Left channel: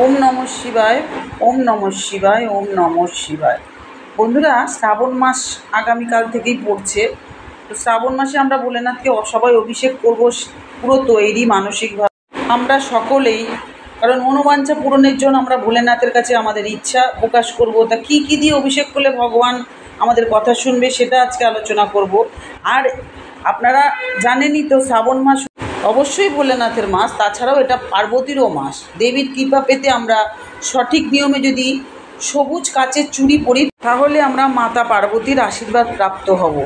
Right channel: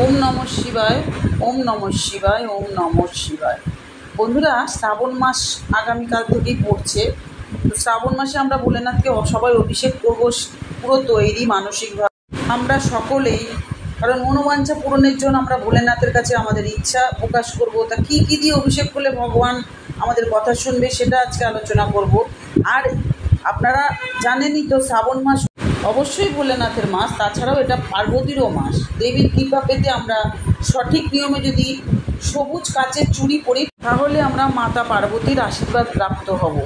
ওম নমঃ শিবায়, ওম নমঃ শিবায়, ওম নমঃ শিবায়। বন্ধুরা, শ্রাবণ মাস আগামীকাল থেকেই পড়ছে। তো শ্রাবণ মাসে আমরা ভোলেনাথকে সবাই অভিষেক করব, পুরো তৈরি মানসিকভাবে আমরা সকলেই। কারণ মনোবাঞ্ছা পূরণের জন্য আমরা ভোলেনাথের কাছে আমাদের ইচ্ছা প্রকাশ করব। তা কী কী দিয়ে অভিষেক করলে ভগবান আমাদের কথা শুনবে, সেটা আজকে আলোচনা করব। আর আপনারা জানেনই তো, শ্রাবণ মাস অবশ্যই ভোলেনাথের মাস, তাছাড়াও এটা পার্বতীরও মাস। দেবীর কৃপা পেতে আমরা সঠিক নিয়মে যদি সবুজ কাচের চুড়ি পরি, তাহলে আমরা মাতা পার্বতীর আশীর্বাদ প্রাপ্ত হব।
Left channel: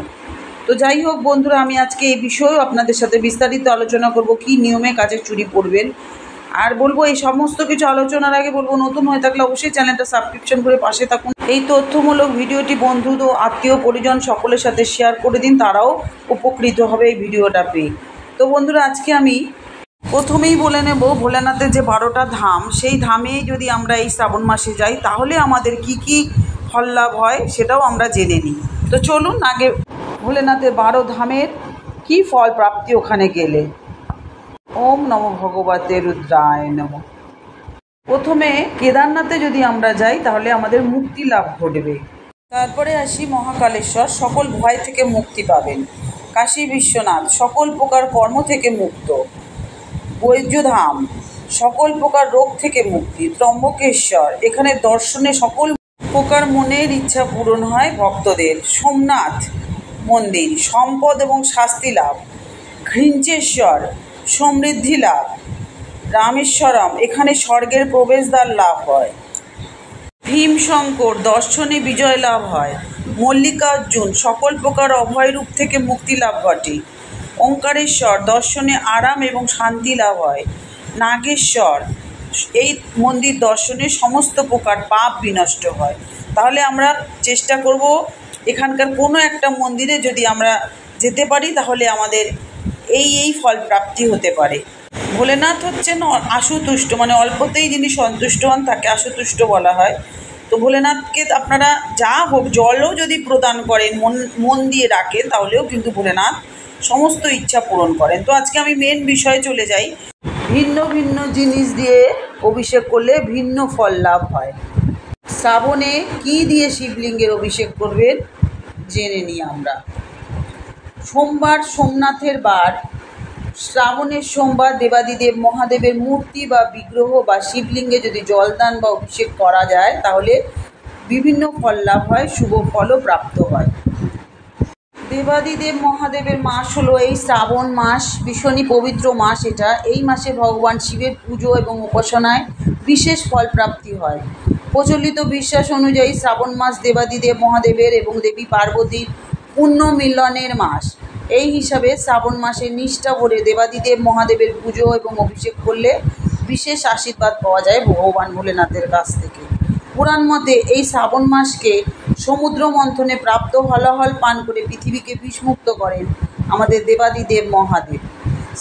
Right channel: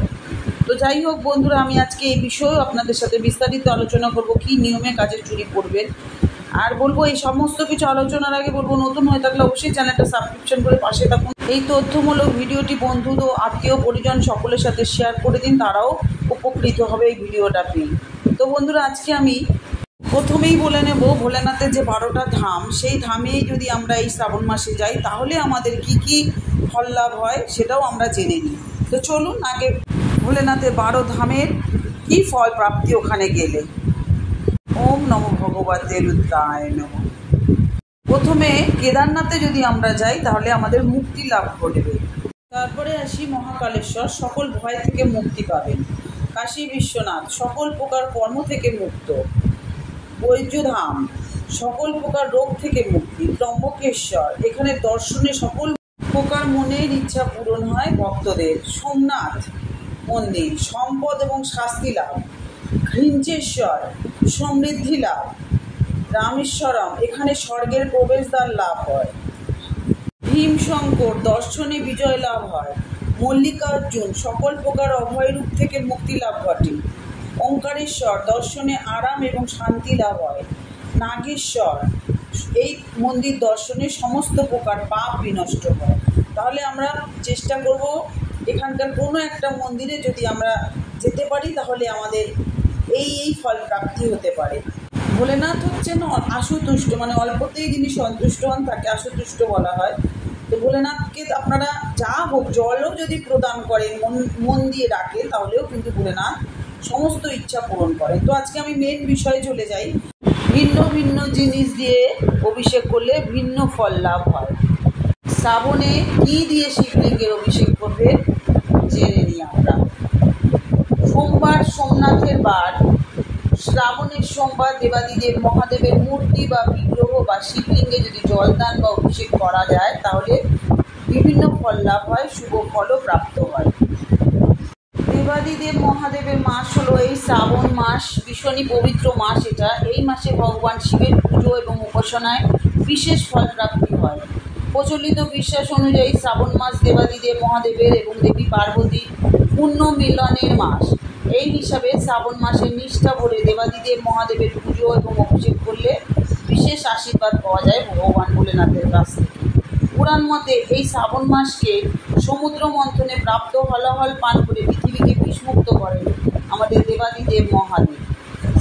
তো যাই হোক বন্ধুরা, আমি আজকে এই বিষয়েও আপনাদের সাথে বিস্তারিত আলোচনা করব, কী নিয়মে কাচের চুড়ি পরবেন। আর বলবো, এই সমস্ত কিছু আলোচনার আগে বলবো, নতুন হয়ে থাকলে অবশ্যই চ্যানেলটা সাবস্ক্রিপশন করে পাশে থাকুন। এই তথ্যমূলক ভিডিওটি বন্ধু ও আত্মীয় পরিজন সকলের সাথে শেয়ার করে দিন, তারাও উপকৃত হবে এই ভিডিওটা পেয়ে। তো বন্ধুরা, আজকে আমি প্রথমেই বলে নেব, ভোলেনাথের যে 12টা ধাম, সেই ধামেই যদি আমরা এই শ্রাবণ মাসে যাই, তাহলে আমাদের কি কি ফল লাভ হয় সেটাও আমরা জেনে নিই। তো চলুন আগে ভোলেনাথের 12 ধামের কি ফল প্রাপ্তি ওখানে গেলে। ওম নমঃ ভগবতে রুদ্রায় নমঃ। প্রথমে কেদারনাথে যদি আমরা যাই, তাহলে আমাদের মুক্তি লাভ ঘটবে। তারপরে আসি মহাকালেশ্বর, সকল ভয় থেকে মুক্তি পাবেন। কাশী বিশ্বনাথ, সকল প্রকার কর্ম থেকে মুক্ত। বৈদ্যধাম, সকল প্রকার রোগ থেকে মুক্তি। ত্রম্বকেশ্বর, এখানে দর্শনে সকল প্রকার মনের ইচ্ছা পূরণ হয় ভক্তদের। সোমনাথ মন্দির, সম্পদ এবং শাস্তি লাভ। ঘৃঞ্চেশ্বর, সমৃদ্ধি লাভ। রামেশ্বরম, এখানে স্বর্গের প্রবেশদ্বার লাভ হয়। ভীমশঙ্কর, দর্শনে বিজয় লাভ হয়। মল্লিকার্জুন, সকল প্রকার অভয় রূপ থেকে মুক্তি লাভ ঘটে। ওঙ্কারেশ্বর, দর্শনে আরাম এবং শান্তি লাভ হয়। নাগেশ্বর, এই মন্দির দর্শনে সমস্ত প্রকার পাপ বিনষ্ট হয়। তাহলে আমরা চেষ্টা করব এখানকার কোনো একটা মন্দিরে যদি আমরা যেতে পারি, তাহলে আমাদের এই ফল প্রাপ্তি হতে পারে। ভোলেনাথ হচ্ছেন আশুতুষ্ট, মানে অল্পতেই যিনি সন্তুষ্ট হন তাকে আশুতুষ্ট বলা হয়। তো ভোলেনাথকে আপনারা যা হোক, জলও যদি প্রদান করেন, মন দিয়ে ডাকেন, তাহলেও কিন্তু ভোলেনাথ সমস্ত ইচ্ছা পূরণ করেন। তো আজকে আমি মেন বিষয়ে চলে যাই। ভিন্ন ভিন্ন জিনিস দিয়ে অভিষেক করলে ভিন্ন ফল লাভ হয়। শ্রাবণে কি দিয়ে শিবলিঙ্গের অভিষেক করবেন জেনে নিই আমরা। সোমবার সোমনাথের বার, শ্রাবণের সোমবার দেবাদিদেব মহাদেবের মূর্তি বা বিগ্রহ বা শিবলিঙ্গে যদি জলদান বা অভিষেক করা যায়, তাহলে বিভিন্ন ফল লাভ হয়, শুভ ফলও প্রাপ্ত হয়। দেবাদিদেব মহাদেবের মাস হলো এই শ্রাবণ মাস, ভীষণই পবিত্র মাস এটা। এই মাসে ভগবান শিবের পুজো এবং উপাসনায় বিশেষ ফল প্রাপ্তি হয়। প্রচলিত বিশ্বাস অনুযায়ী শ্রাবণ মাস দেবাদিদেব মহাদেবের এবং দেবী পার্বতীর পুণ্য মিলনের মাস। এই হিসাবে শ্রাবণ মাসে নিষ্ঠা ভরে দেবাদিদেব মহাদেবের পুজো এবং অভিষেক করলে বিশেষ আশীর্বাদ পাওয়া যায় ভগবান ভোলেনাথের কাছ থেকে। পুরাণ মতে এই শ্রাবণ মাসকে সমুদ্র মন্থনে প্রাপ্ত হলাহল পান করে পৃথিবীকে বিষমুক্ত করেন আমাদের দেবাদিদেব মহাদেব।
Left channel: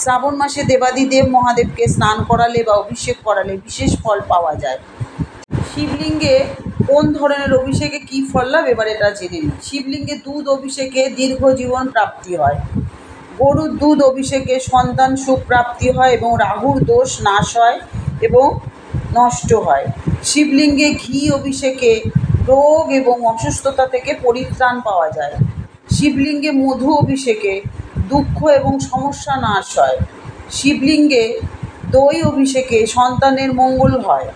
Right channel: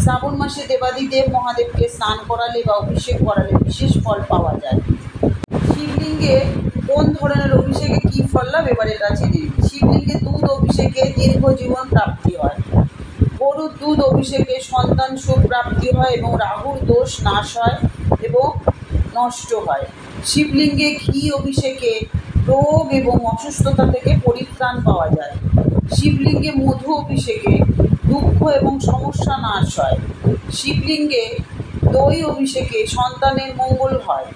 শ্রাবণ মাসে দেবাদিদেব মহাদেবকে স্নান করালে বা অভিষেক করালে বিশেষ ফল পাওয়া যায়। শিবলিঙ্গে কোন ধরনের অভিষেকে কী ফল লাভ, এবার এটা জেনে নিই। শিবলিঙ্গে দুধ অভিষেকে দীর্ঘ জীবন প্রাপ্তি হয়। গরুর দুধ অভিষেকে সন্তান সুখ প্রাপ্তি হয় এবং রাহুর দোষ নাশ হয় এবং নষ্ট হয়। শিবলিঙ্গে ঘি অভিষেকে রোগ এবং অসুস্থতা থেকে পরিত্রাণ পাওয়া যায়। শিবলিঙ্গে মধু অভিষেকে দুঃখ এবং সমস্যা নাশ হয়। শিবলিঙ্গে দই অভিষেকে সন্তানের মঙ্গল হয়,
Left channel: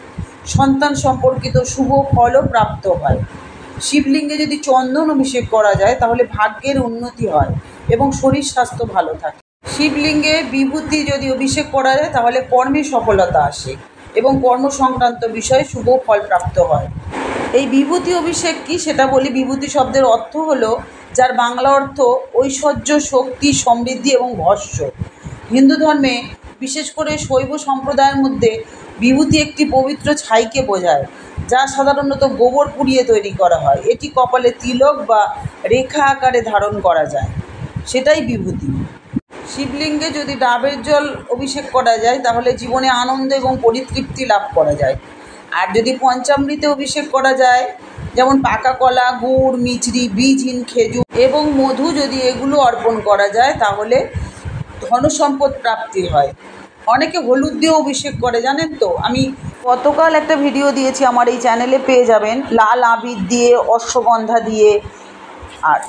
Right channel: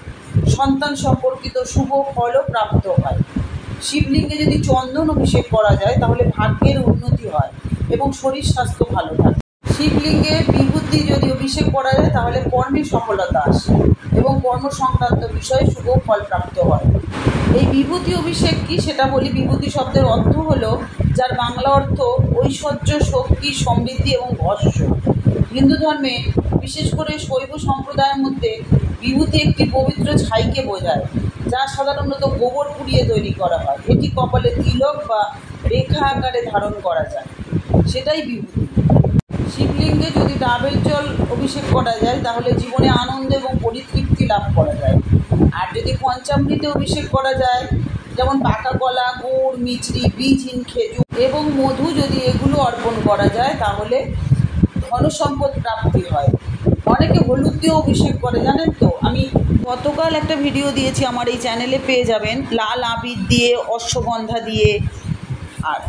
সন্তান সম্পর্কিত শুভ ফলও প্রাপ্ত হয়। শিবলিঙ্গে যদি চন্দন অভিষেক করা যায়, তাহলে ভাগ্যের উন্নতি হয় এবং শরীর স্বাস্থ্য ভালো থাকে। শিবলিঙ্গে বিভূতি যদি অভিষেক করা যায়, তাহলে কর্মে সফলতা আসে এবং কর্ম সংক্রান্ত বিষয়ে শুভ ফল প্রাপ্ত হয়। এই বিভূতি অভিষেক কি সেটা বলি। বিভূতি শব্দের অর্থ হলো, যার বাংলা অর্থ ঐশ্বর্য, শক্তি, সমৃদ্ধি এবং ভস্য। হিন্দু ধর্মে বিশেষ করে শৈব সম্প্রদায়ের মধ্যে বিভূতি একটি পবিত্র ছাইকে বোঝায়, যা সাধারণত গোবর পুড়িয়ে তৈরি করা হয়। এটি কপালে তিলক বা রেখা আকারে ধারণ করা যায়, সেটাই বিভূতি। শিবলিঙ্গে যদি ডাবের জল অভিষেক করা যায়, তাহলে জীবনে আনন্দ এবং পরিতৃপ্তি লাভ করা যায়। আর যদি পঞ্চামৃতে অভিষেক করা যায়, যেমন পাকা কলা, গুড়, মিছরি, বীজহীন খেজুর এবং মধু, যদি এগুলো অর্পণ করা যায়, তাহলে ধনসম্পদ প্রাপ্তি হয়। অনেকে হলুদ দিয়েও অভিষেক করে, জানেন তো। আমি গতকাল একটা ভিডিও দিয়েছি আমার এই চ্যানেলে, পেয়ে যাবেন। লাল আবির দিয়ে, অশ্বগন্ধা দিয়ে আর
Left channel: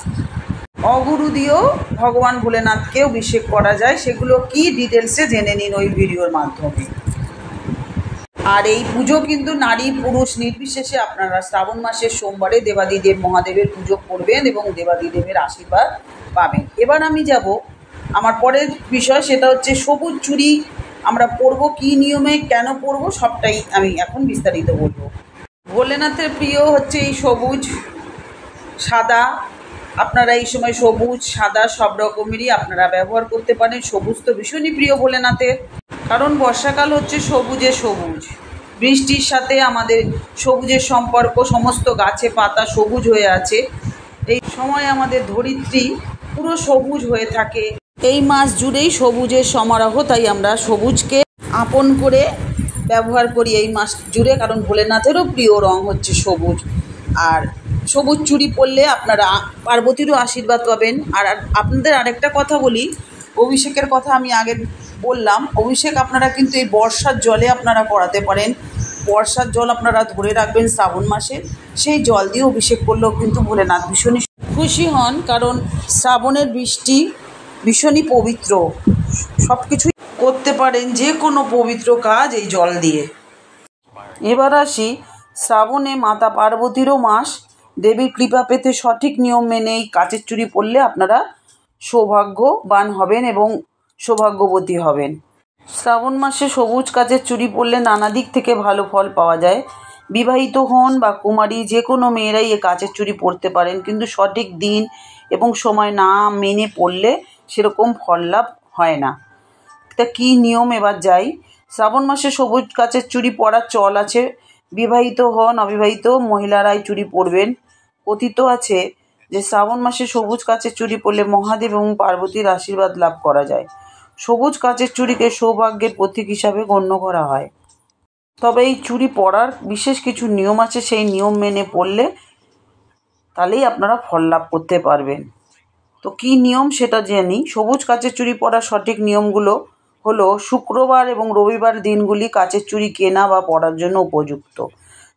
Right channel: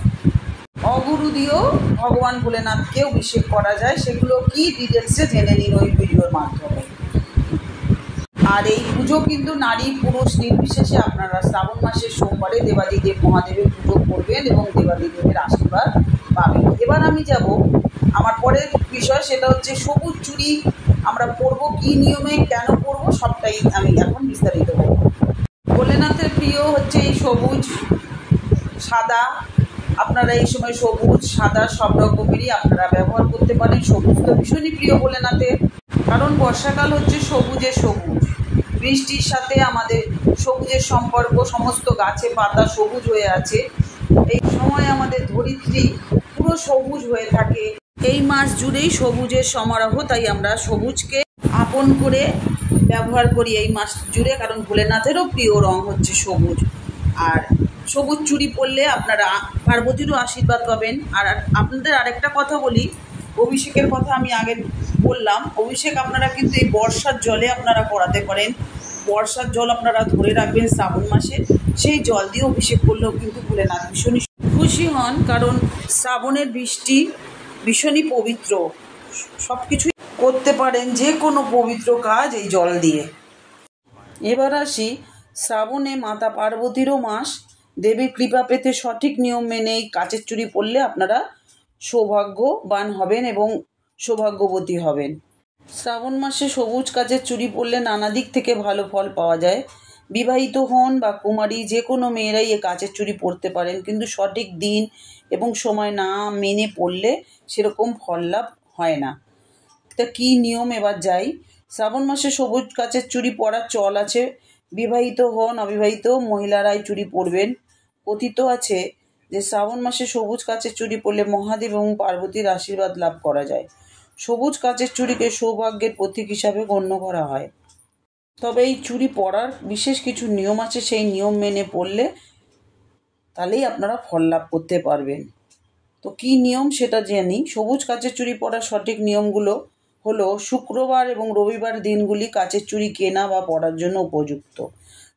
অগুরু দিয়েও ভগবান ভোলেনাথকে অভিষেক করা যায়। সেগুলো কি ডিটেলসে জেনে নিন ওই ভিডিওর মাধ্যমে। আর এই পুজো কিন্তু নারী পুরুষ নির্বিশেষে আপনারা শ্রাবণ মাসের সোমবারে দেবাদিদেব মহাদেবের পুজো করবেন এবং দেবাদিদেবের আশীর্বাদ পাবেন। এবার আমি যাব আমার পরের বিষয়, সেটা হচ্ছে সবুজ চুড়ি আমরা পরবো, কী নিয়মে, কেন পরবো, সবটাই আমি এখন বিস্তারিত বলব। ভোলেনাথের প্রিয় হচ্ছে এই সবুজ সাদা। আপনারা এই সময় সবুজ সাদা সব রকমেরই আপনারা ব্যবহার করতে পারেন। সবুজ তো ভীষণই প্রিয় ভোলেনাথের, কারণ বর্ষাকাল হচ্ছে সবুজে সবুজ। বৃষ্টির সাথে আমাদের সবুজের সম্পর্ক, সমস্ত গাছে পাতা সবুজ হয়ে আছে। এই সময় আমাদের ধরিত্রী পুরো সবুজ হয়ে থাকে। এই মাস জুড়েই সবুজের সমারোহ, তাই আমরা সবুজকে আপন করে ব্যবহার করি এই মাস জুড়ে, কারণ ভোলেনাথেরও প্রিয় রং হচ্ছে সবুজ। আর সবুজ চুড়ি পরলে আপনারা পার্বতীরও আশীর্বাদ পাবেন। আর আপনাদের আরেকটা কথা বলি, অভিষেকের কথা আমি আগে বললাম, অভিষেক আপনারা কিন্তু এই বর্ষার জলে আপনারা করাতে পারেন। বর্ষার জল আপনারা ধরে রাখবেন শ্রাবণ মাসে, সেই জল দিয়ে অভিষেক করলেও কিন্তু ভোলেনাথ ভীষণই খুশি হন, কারণ শ্রাবণের বৃষ্টি ভীষণই পবিত্র। সব কিছুই করতে পারেন, যে কোনো পবিত্র কাজ এই জল দিয়ে। এবার আসি, শ্রাবণে মাতা পার্বতীরও মাস। দেবীর কৃপা পেতে সঠিক নিয়ম মেনে এই কাচের চুড়ি পরলে আপনারা সৌভাগ্যবান হবেন এবং সৌভাগ্যবতী হবেন। শ্রাবণ মাসে সবুজ কাচের চুড়ি পরলে নানা দিক থেকে ভালো ফল পাওয়া যায়। বিবাহিত হন বা কুমারী যে কোনো মেয়েরাই এ কাচের চুড়ি পরতে পারেন, কিন্তু সঠিক দিন এবং সময় না মেনে পড়লে সেরকম ফল লাভ হয় না। তা কী নিয়ম, এবার যাই। শ্রাবণ মাসে সবুজ কাচের চুড়ি পরার চল আছে। বিবাহিত হন অবিবাহিত মহিলারাই চুড়ি পরবেন। কথিত আছে যে শ্রাবণ মাসে সবুজ কাচের চুড়ি পরলে মহাদেব এবং পার্বতীর আশীর্বাদ লাভ করা যায়। সবুজ কাচের চুড়িকে সৌভাগ্যের প্রতীক হিসাবে গণ্য করা হয়। তবে এই চুড়ি পরার বিশেষ কিছু নিয়ম আছে, সেই নিয়ম মেনে পরলে তাহলেই আপনারা ফল লাভ করতে পারবেন। তো কী নিয়ম সেটা জেনি। সবুজ কাচের চুড়ি পরার সঠিক নিয়মগুলো হলো, শুক্রবার এবং রবিবার দিনগুলি কাচের চুড়ি কেনা বা পরার জন্য উপযুক্ত।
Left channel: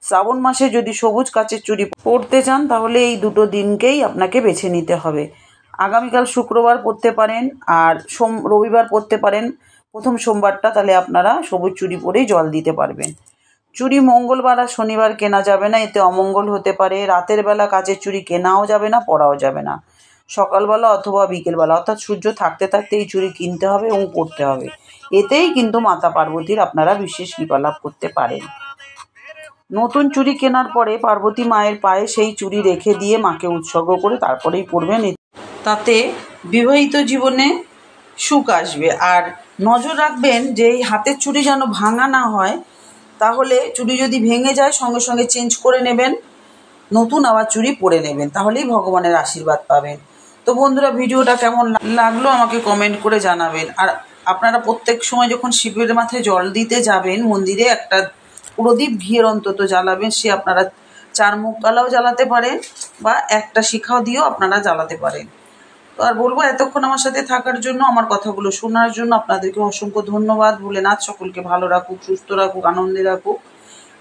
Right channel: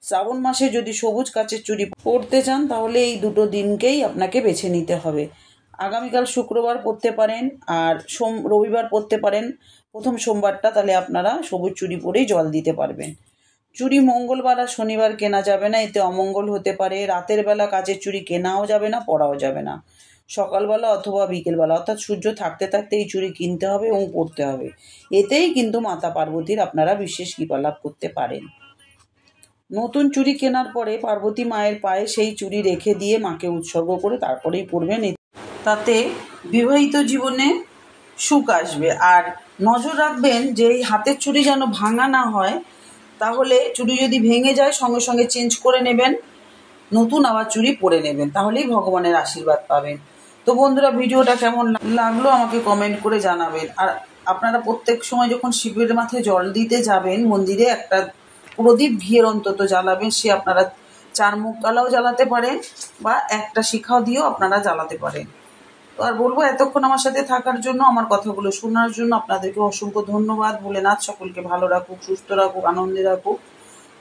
শ্রাবণ মাসে যদি সবুজ কাচের চুড়ি পরতে চান তাহলে এই দুটো দিনকেই আপনাকে বেছে নিতে হবে। আগামীকাল শুক্রবার পরতে পারেন আর রবিবার পরতে পারেন প্রথম সোমবারটা, তাহলে আপনারা সবুজ চুড়ি পরেই জল দিতে পারবেন। চুড়ি মঙ্গলবার আর শনিবার কেনা যাবে না, এতে অমঙ্গল হতে পারে। রাতের বেলা কাচের চুড়ি কেনাও যাবে না, পরাও যাবে না। সকালবেলা অথবা বিকেলবেলা, অর্থাৎ সূর্য থাকতে থাকতে এই চুড়ি কিনতে হবে এবং পরতে হবে। এতেই কিন্তু মাতা পার্বতীর আপনারা বিশেষ কৃপা লাভ করতে পারেন। নতুন চুড়ি কেনার পরে পার্বতী মায়ের পায়ে সেই চুড়ি রেখে দিয়ে মাকে উৎসর্গ করে তারপরেই পরবেন, তাতে বিবাহিত জীবনে সুখ আসবে। আর নজর রাখবেন যে এই হাতের চুড়ি যেন ভাঙা না হয়, তাহলে চুড়ি যদি ভেঙে যায় সঙ্গে সঙ্গে চেঞ্জ করে নেবেন, নতুন আবার চুড়ি পরে নেবেন, তাহলেই ভগবানের আশীর্বাদ পাবেন। তো বন্ধুরা, ভিডিওটা কেমন লাগলো আমাকে কমেন্ট করে জানাবেন। আর আপনারা প্রত্যেক সময় যখন শিবের মাথায় জল দিতে যাবেন মন্দিরে, একটা প্রদীপ ঘিয়ের অন্তত জ্বালাবেন। সে আপনারা 4 মুখ কালাও জ্বালাতে পারেন বা একটা শিখাও দিয়েও আপনারা জ্বালাতে পারেন। তো আর বলবো, এতক্ষণ আমার সাথে থাকার জন্য, আমার কথাগুলো শোনার জন্য আপনাদেরকে অসংখ্য ধন্যবাদ। ভোলেনাথ সকলকে ভালো রাখুক, সুস্থ রাখুক, আনন্দে রাখুক,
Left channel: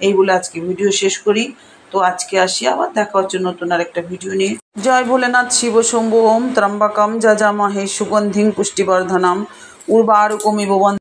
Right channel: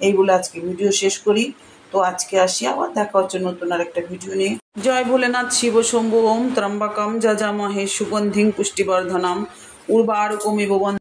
এই বলে আজকে ভিডিও শেষ করি। তো আজকে আসি, আবার দেখা হচ্ছে নতুন আর একটা ভিডিও নিয়ে। জয় ভোলেনাথ। শিব শম্ভু। ওম ত্রম্বকম যজামহে সুগন্ধিং পুষ্টিবর্ধনম উর্বারুকমিব